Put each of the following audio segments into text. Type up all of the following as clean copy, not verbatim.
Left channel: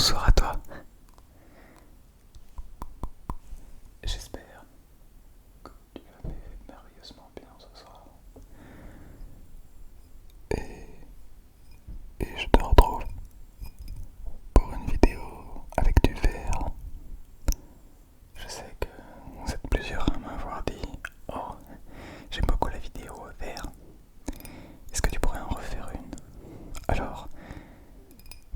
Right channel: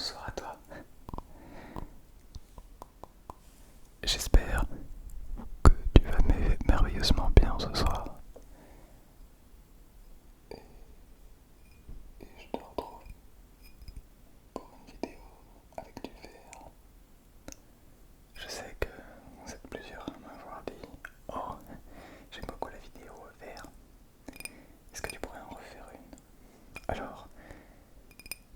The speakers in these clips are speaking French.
Bonsoir à toi. J'espère que tu vas merveilleusement bien ce soir. Et, et je te retrouve pour une vidéo avec du verre. Je sais que vous êtes plusieurs à m'avoir dit "Oh, j'aime beaucoup la vidéo au verre. Est-ce que tu pourrais en refaire une?" Alors,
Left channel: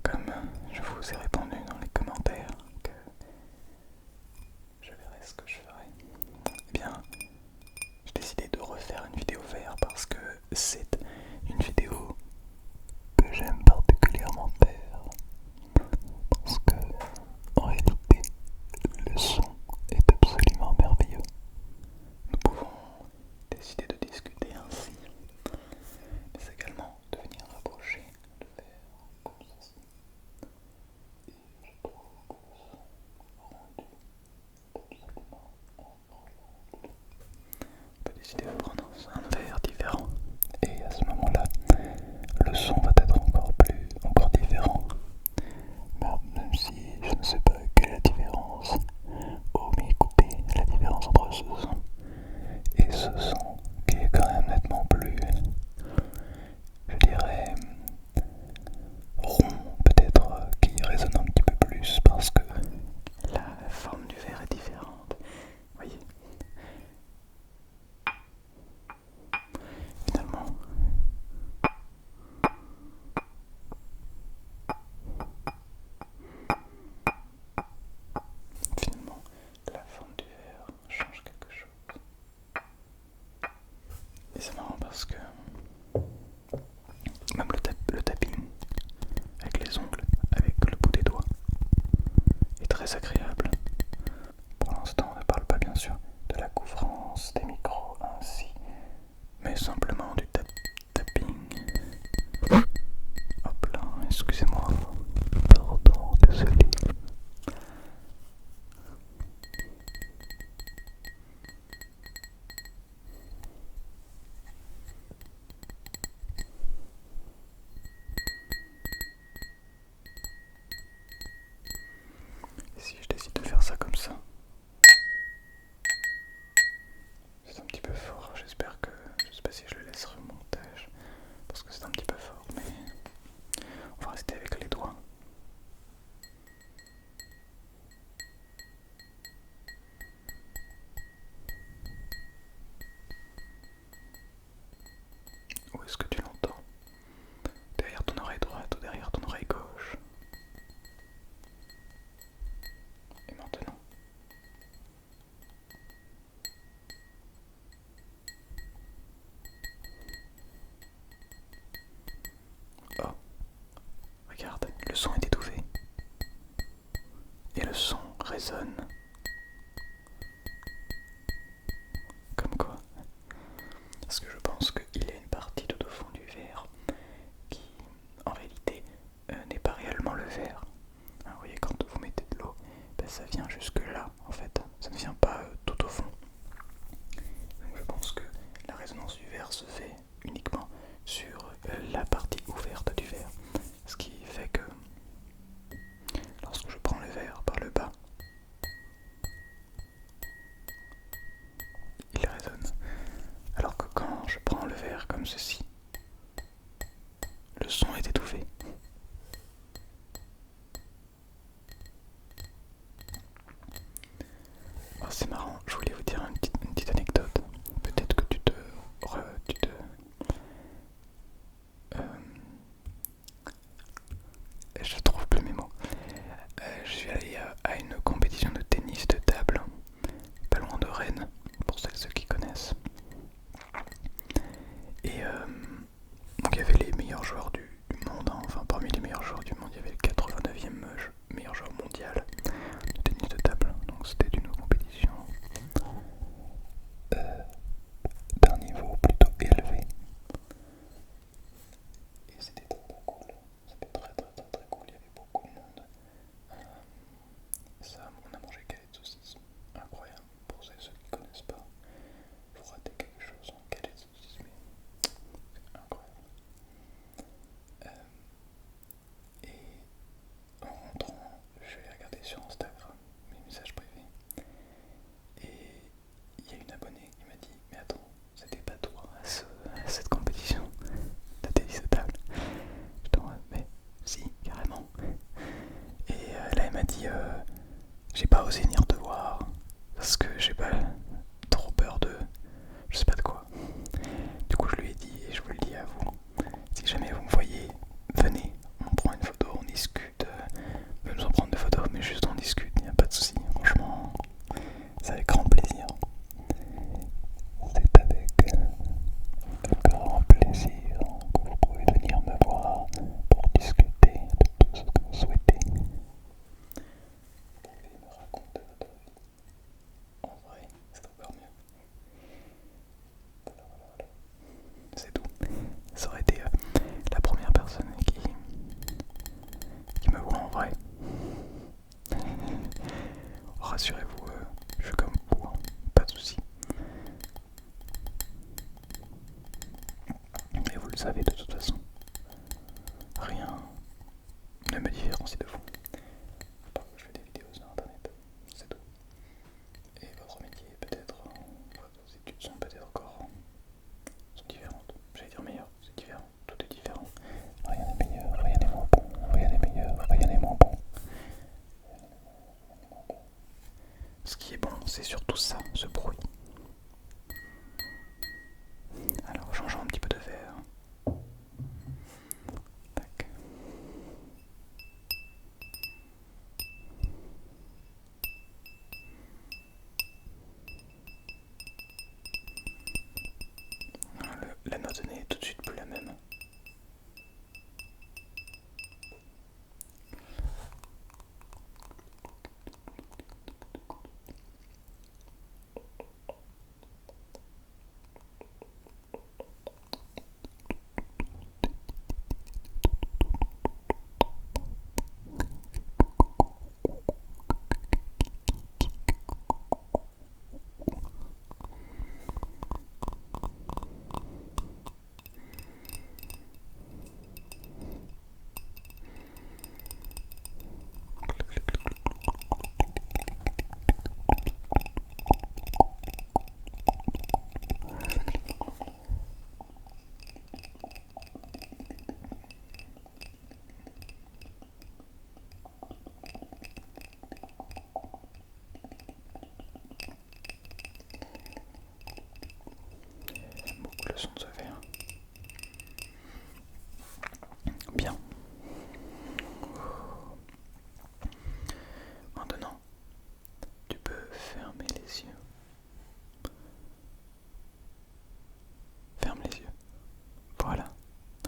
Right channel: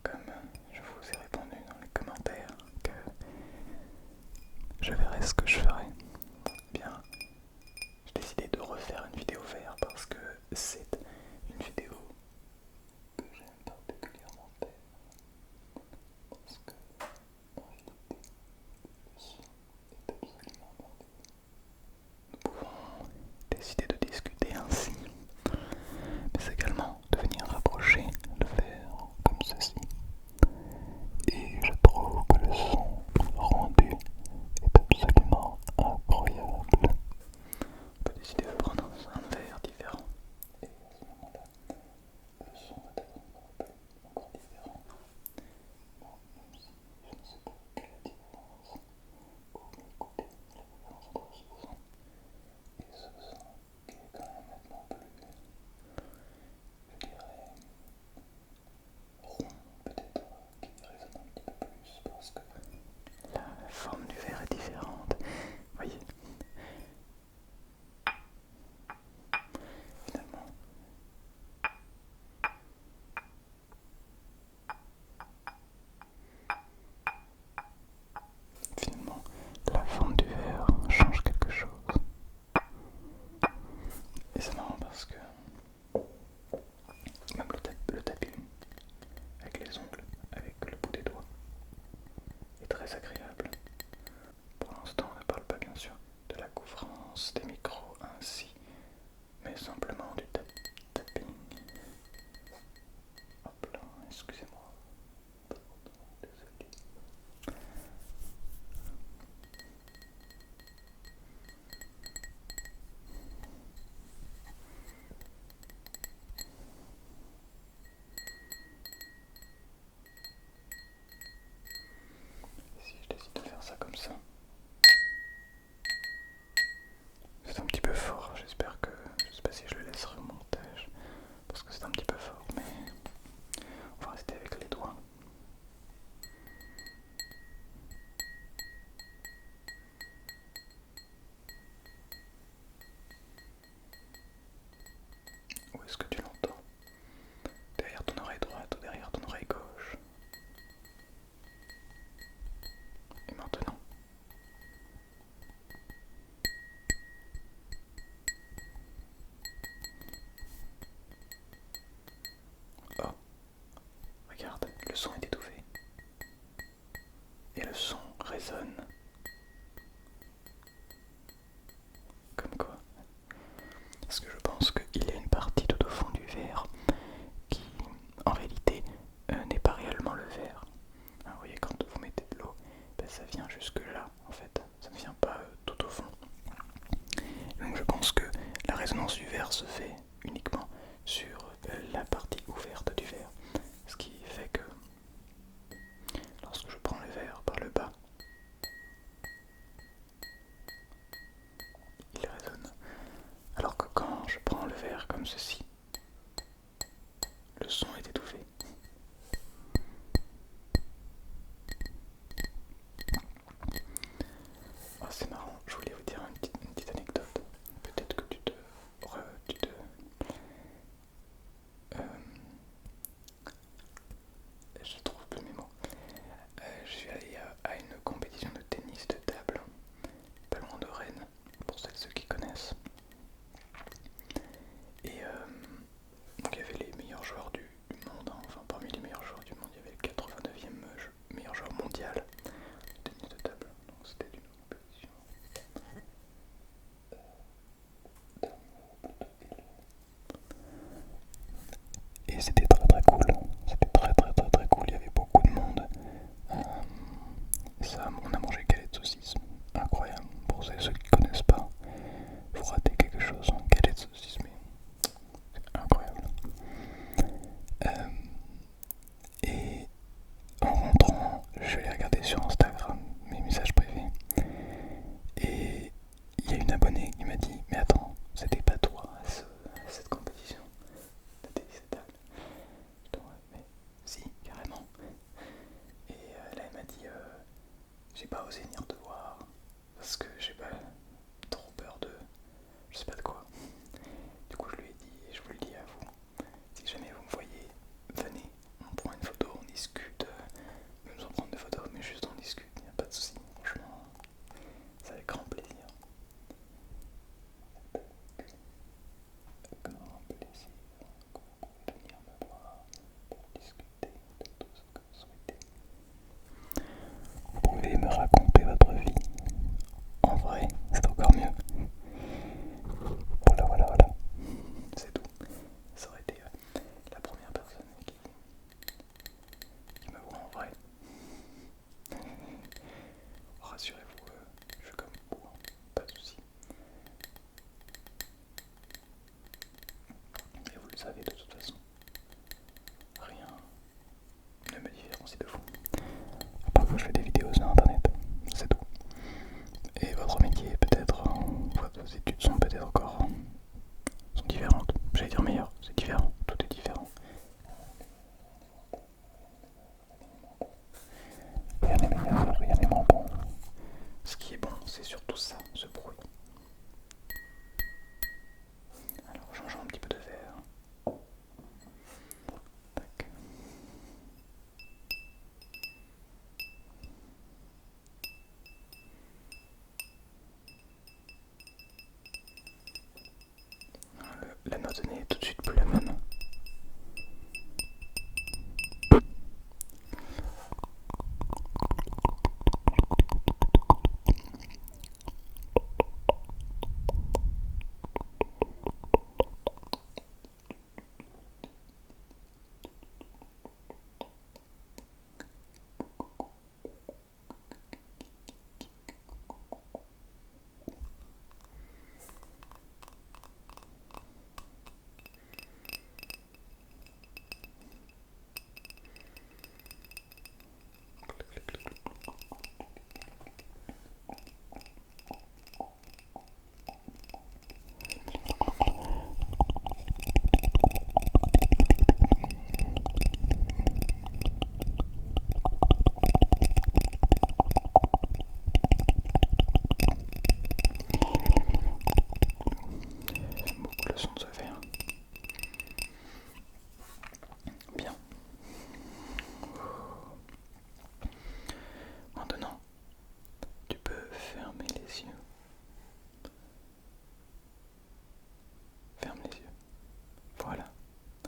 comme je vous ai répondu dans les commentaires que je verrai ce que je ferai, eh bien, j'ai décidé de refaire une vidéo vert parce que c'est une vidéo que j'aime particulièrement faire. Parce que, en réalité, le son est absolument merveilleux. Nous pouvons décider de discuter ainsi, mais également de venir rapprocher le verre comme ceci. Et je trouve que le son rendu est absolument incroyable. On peut décider de prendre un verre différent et à ce moment-là, le son va être encore différent. Même si je ne sais pas quelle est la différence, mais écoutez la différence entre ce son et ce son qui est quand même nettement plus, je dirais, rond, peut-être, qui résonne un petit peu plus parce que la forme du verre est différente. Voyez, finalement, la forme du verre change quelque chose. Et c'est marrant parce que même le tapping avec les ongles, avec le bout des doigts, est très agréable. Pour l'instant, on ne parle pas bien sûr de la couvrance des micros ainsi, mais simplement du tapping. Hop là, excusez-moi. Pardon, désolé. Et si je décide de faire ça comme ça, c'est un petit peu fort. J'espère que, je sais pas si je le laisserai au montage, parce que c'est un petit peu fort, mais on va rester avec les doigts. Où est-ce que tu l'entends? Derrière ton oreille droite ou derrière ton oreille gauche? Et maintenant? Oh, regarde, le son est étouffé. Et le son résonne. Comme quoi? Parce que je pense qu'il y a une partie tout au fond du verre qui, en réalité, n'est pas réellement le verre. Hein, vous voyez, quand vous mettez de l'eau, ben, ça vient jusque là, en fait. Ça ne vient pas tout au fond. Donc je pense que la résonance du verre se fait uniquement sur la partie ouverte du verre. Ce qui fait que lorsque je prends le verre par le bas, il résonne. Alors que quand je prends le verre comme ceci, le son est étouffé. Oh, c'est marrant, je voulais vous dire une petite anecdote. Peut-être que euh, je trouve plus mes mots. Je suis allé à une compétition de tennis de table, pas loin de Rennes, pour ceux qui connaissent. Et donc il y avait les meilleurs joueurs du monde voix n'est tout de suite plus la même. Le son de ce verre. Bien. Maintenant, tu peux fermer les yeux. Ferme les yeux. Voilà,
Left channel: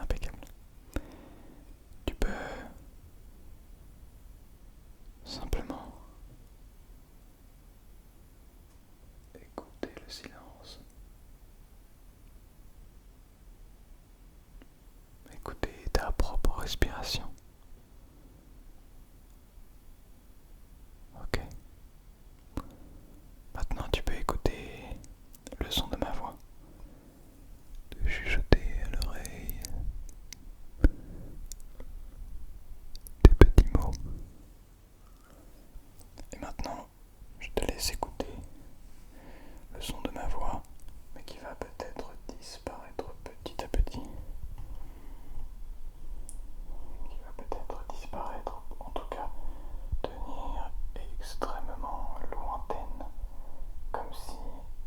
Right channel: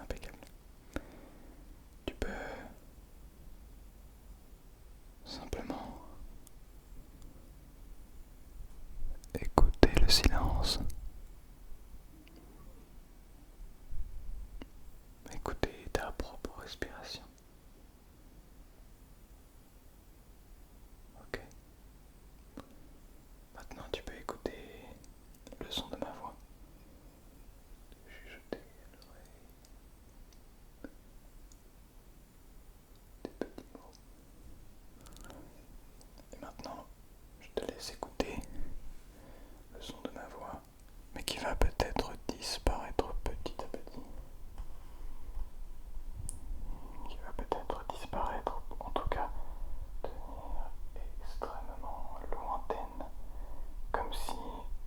impeccable. Tu peux simplement écouter le silence. Écouter ta propre respiration. Ok. Maintenant, tu peux écouter le son de ma voix. De chuchoter à l'oreille des petits mots. Et maintenant, je te laisse écouter le son de ma voix, mais qui va peut-être disparaître petit à petit. Qui va peut-être disparaître, en tout cas devenir extrêmement lointaine, comme si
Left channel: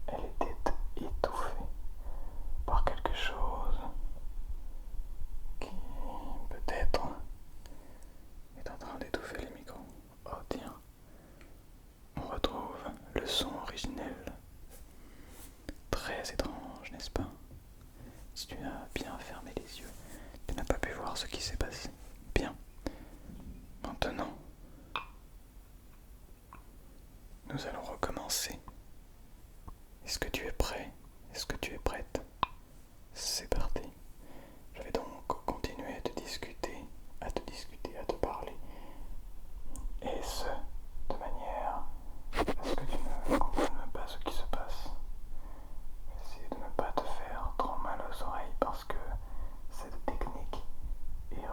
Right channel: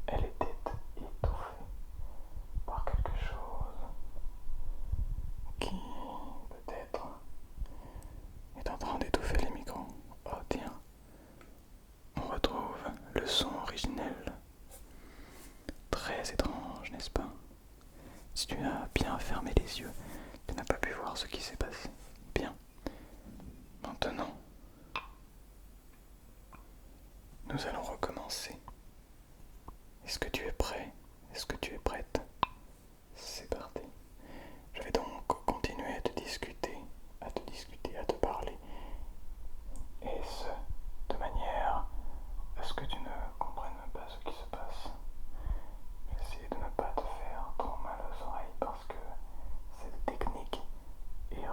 elle était étouffée par quelque chose qui peut-être est en train d'étouffer les micros. Oh tiens, on retrouve le son originel. Très étrange, n'est-ce pas? Si tu as bien fermé les yeux, tu n'as pas pu voir ce qui s'est passé. Bien. Maintenant, nous allons recommencer. Est-ce que tu es prêt? Est-ce que tu es prête? C'est parti. Je vais donc continuer à te discuter, à te parler. Et ce, de manière à ce que tu ne comprennes pas ce qui se passe. Essayer de ne pas te faire trop mal aux oreilles parce que cette technique est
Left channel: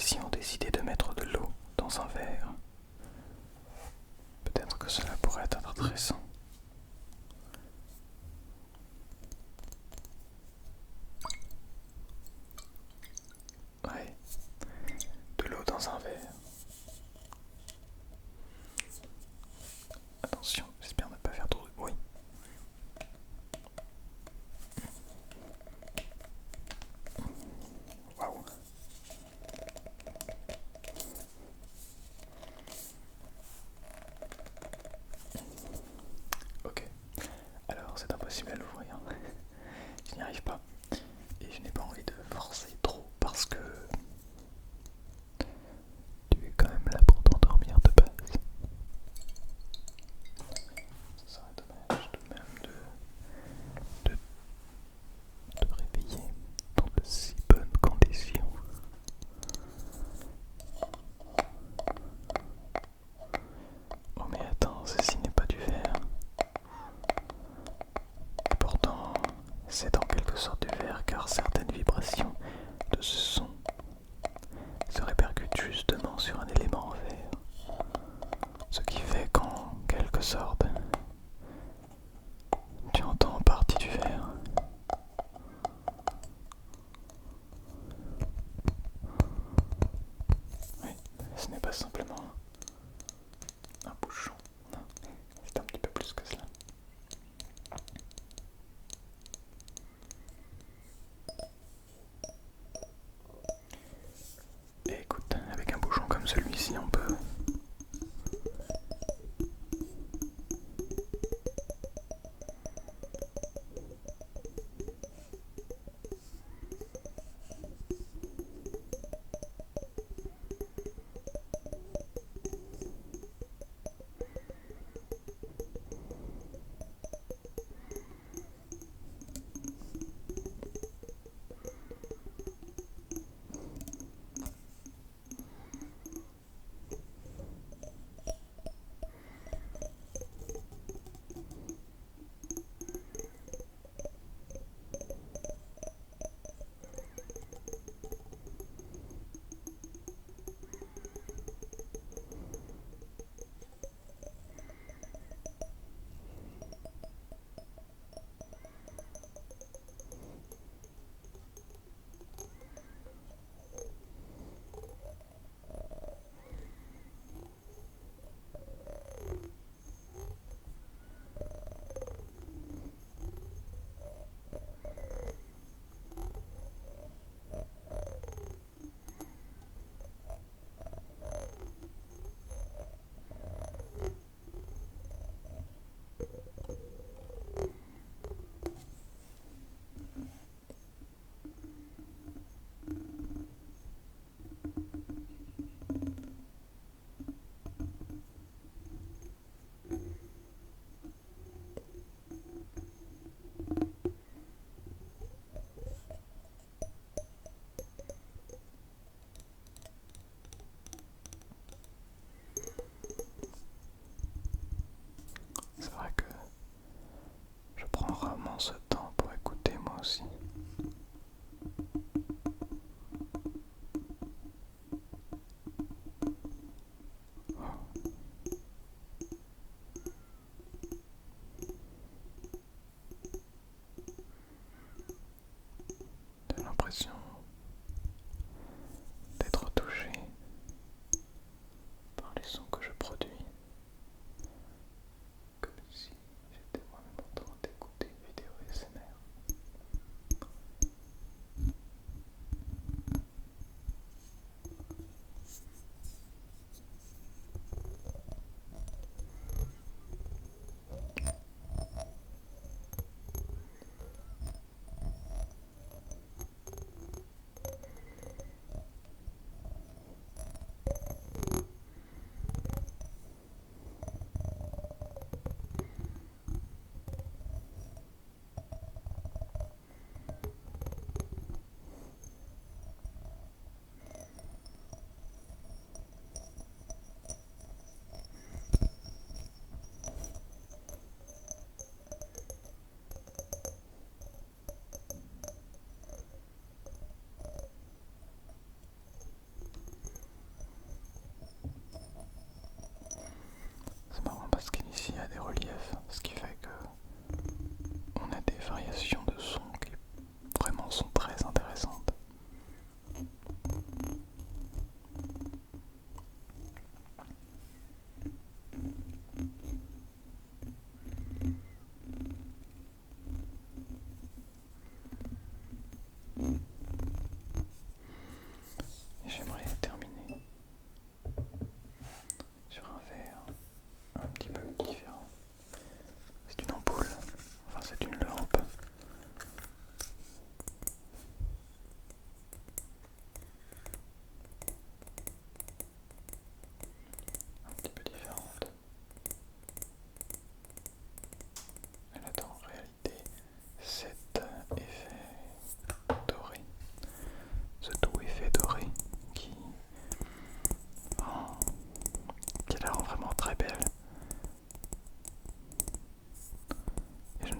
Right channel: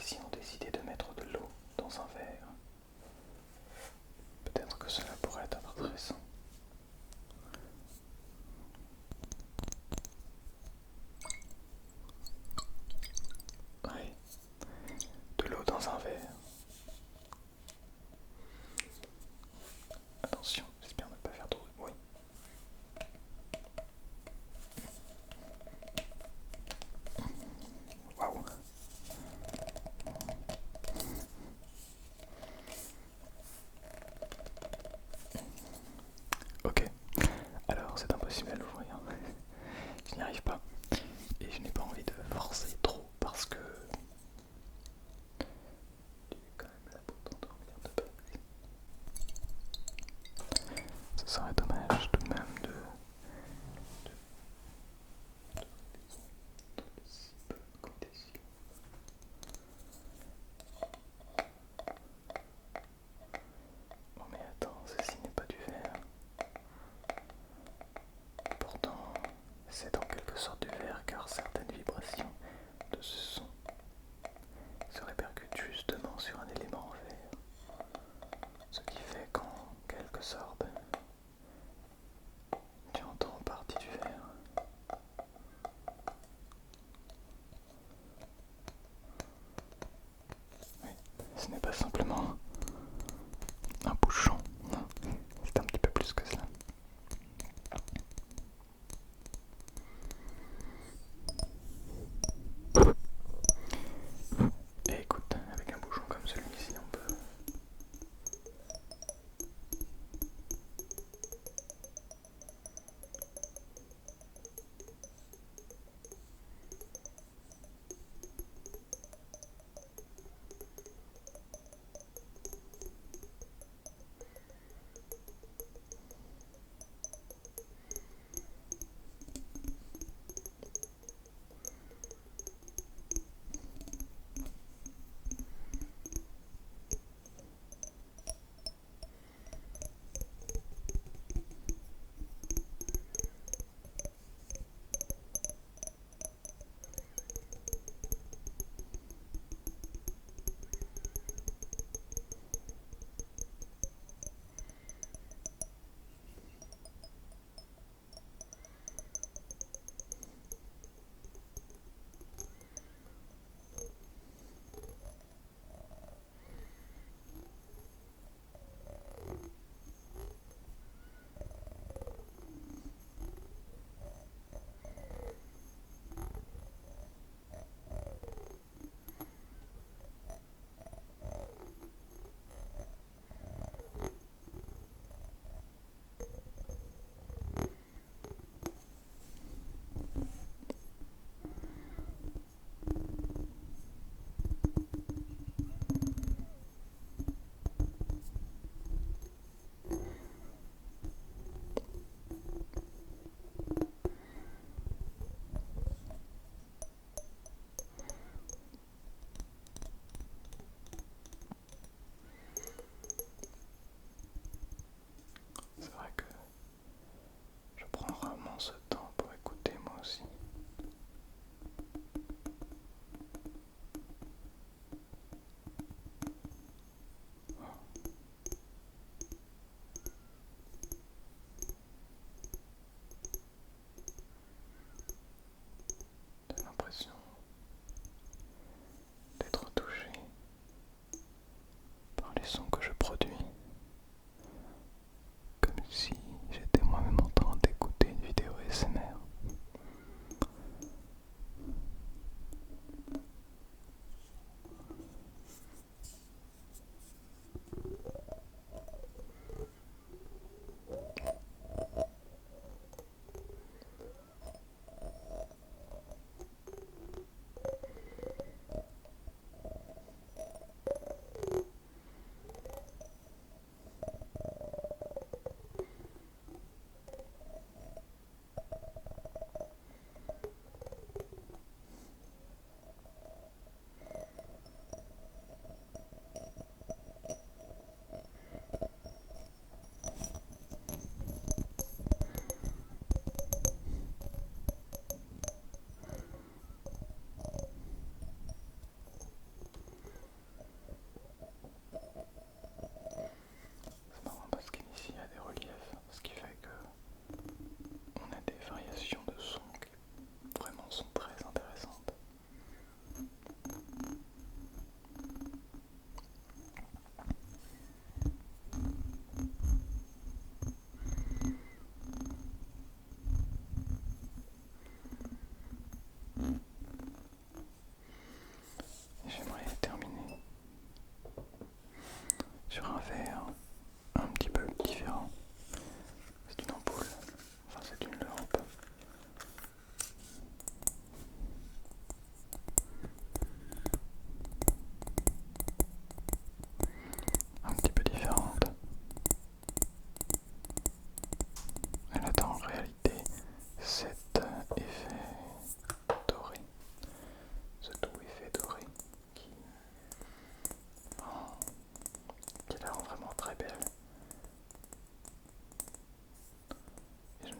si on décidait de mettre de l'eau dans un verre? Peut-être que cela pourrait être intéressant. Ouais, de l'eau dans un verre. Attention, j'espère ne pas faire trop de bruit. Waouh! Ok, alors c'est impossible à l'ouvrir. Je n'y arrive pas. Et je n'ai pas envie de forcer trop parce que tu es quand même là pour t'endormir de base. Ce serait dommage tout de même de te réveiller dans de si bonnes conditions. Oh mais attends, ceci n'est pas du verre. Et pourtant, c'est en quelque sorte du verre car certaines vibrations de ce son se répercutent justement sur un élément en verre. Ce qui fait qu'en quelque sorte, tu entends en partie du verre. Oui, ce n'est pas simplement un bouchon, non, c'est un petit peu plus que cela. Et écoute, avec un bouchon comme celui-ci, on peut...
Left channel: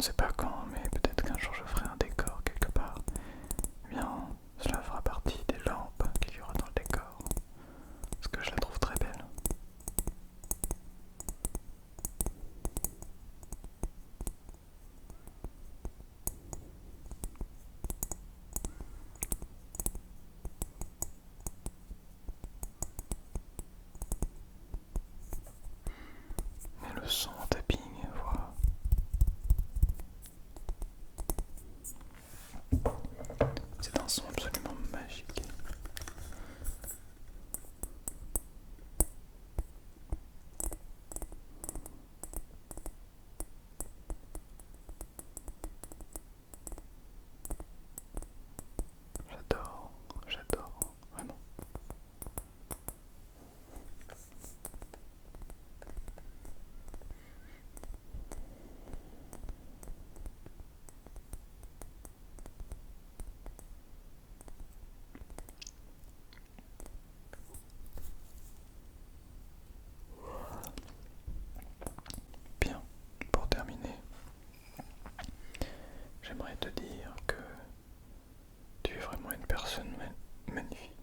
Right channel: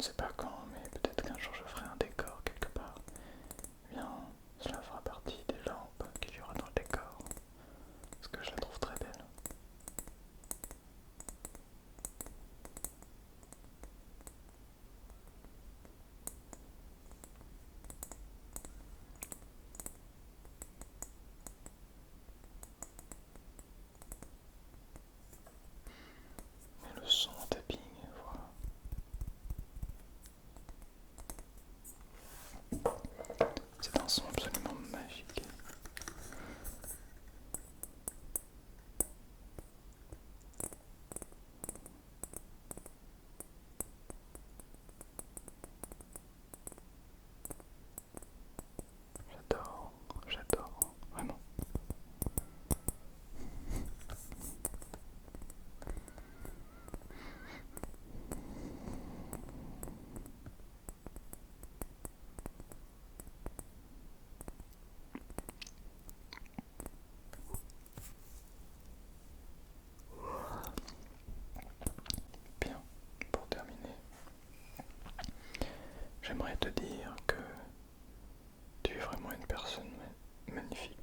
ne sais pas quand, mais peut-être qu'un jour je ferai un décor quelque part. Eh bien, cela fera partie des lampes qu'il y aura dans le décor, parce que je la trouve très belle. Et le son en tapping, voilà. C'est un son absolument magique. J'adore, vraiment. Bien, pour terminer, j'aimerais te dire que tu es vraiment une personne magnifique.